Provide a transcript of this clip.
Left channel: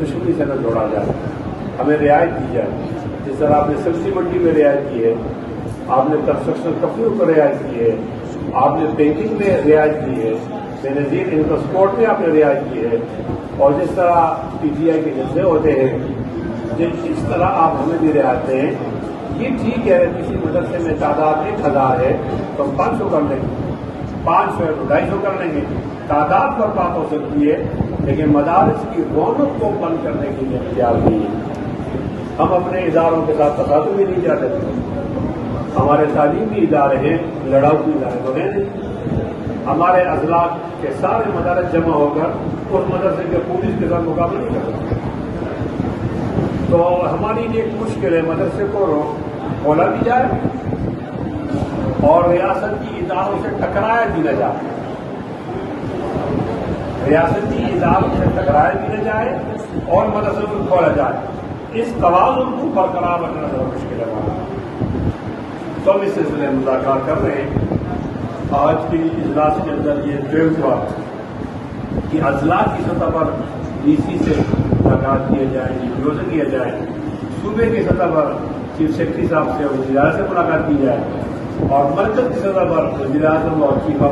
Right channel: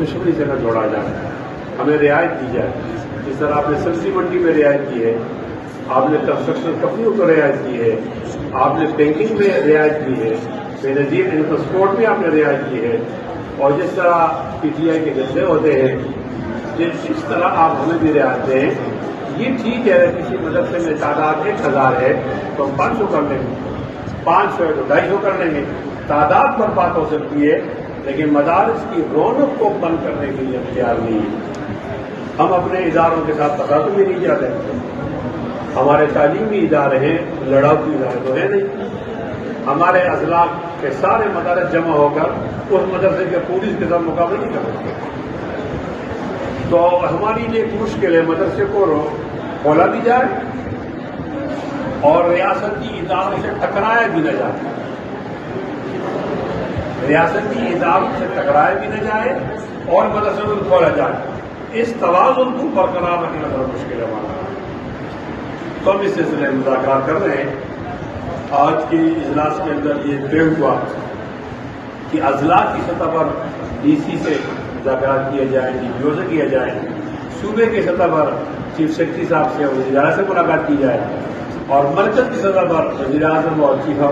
دشمنی سے نہ جوڑا جائے، ہمیں رعایت دی جائے. جس طرح آپ نے سبزی منڈی میں رعایت کی ہے، آپ نے کنسٹرکشن کمپنیوں کو رعایت کی ہے، آپ نے بینکنگ میں رعایت کی ہے، بے نظیر انفراسپورٹ میں آپ نے رعایت کی ہے، اور جس طرح پی ٹی آئی کے جلسے ہوتے ہیں جس طرح آپ ہمیں بھی رعایت دیں. یہ ٹھیک ہے، اگر کسی مدرسے میں تعداد 1000 ہے تو ہم 500 کر لیں گے، 500 ہے تو 250 کر لیں گے. تعداد پر بات ہو سکتی ہے لیکن مدارس کی رونق کو بند کرنے کے لیے ہم تیار نہیں ہیں. ہم اپنے اداروں کے ساتھ تصادم بھی نہیں چاہتے. ہمارے تعلیمی ادارے ہیں، لڑاؤ کی ادارے تو ہیں نہیں. ہمارے اضلاع کے سارے مدارس جمع ہو کر اس مدرسے کے پولیس کے ساتھ مقابلہ نہیں کر سکتے. تو ہماری لیے ایک مشکل ہے، مدرسے کو کھولا بھی جائے اور ریاستی اداروں سے ٹکرایا بھی نہ جائے، ریاستی اداروں سے ٹکرایا بھی نہ جائے اور مدرسے کو کھولا جائے. اس توازن کو برقرار رکھنا ذرا مشکل ہے ہمارا. تو ہم اس سلسلے میں مذاکرات کر رہے ہیں. آج کے اجلاس کے اندر یہ طے ہوا کہ اضلاع کی سطح پر ڈی سی سے ملاقات کیے جائیں، ڈی پی او سے کیا جائے، صوبے کی سطح پر چیف سیکرٹری صاحب سے وزیر اعظم سے ملاقات کی جائے، اور مرکز کی سطح پر وزیر اعظم اور چیف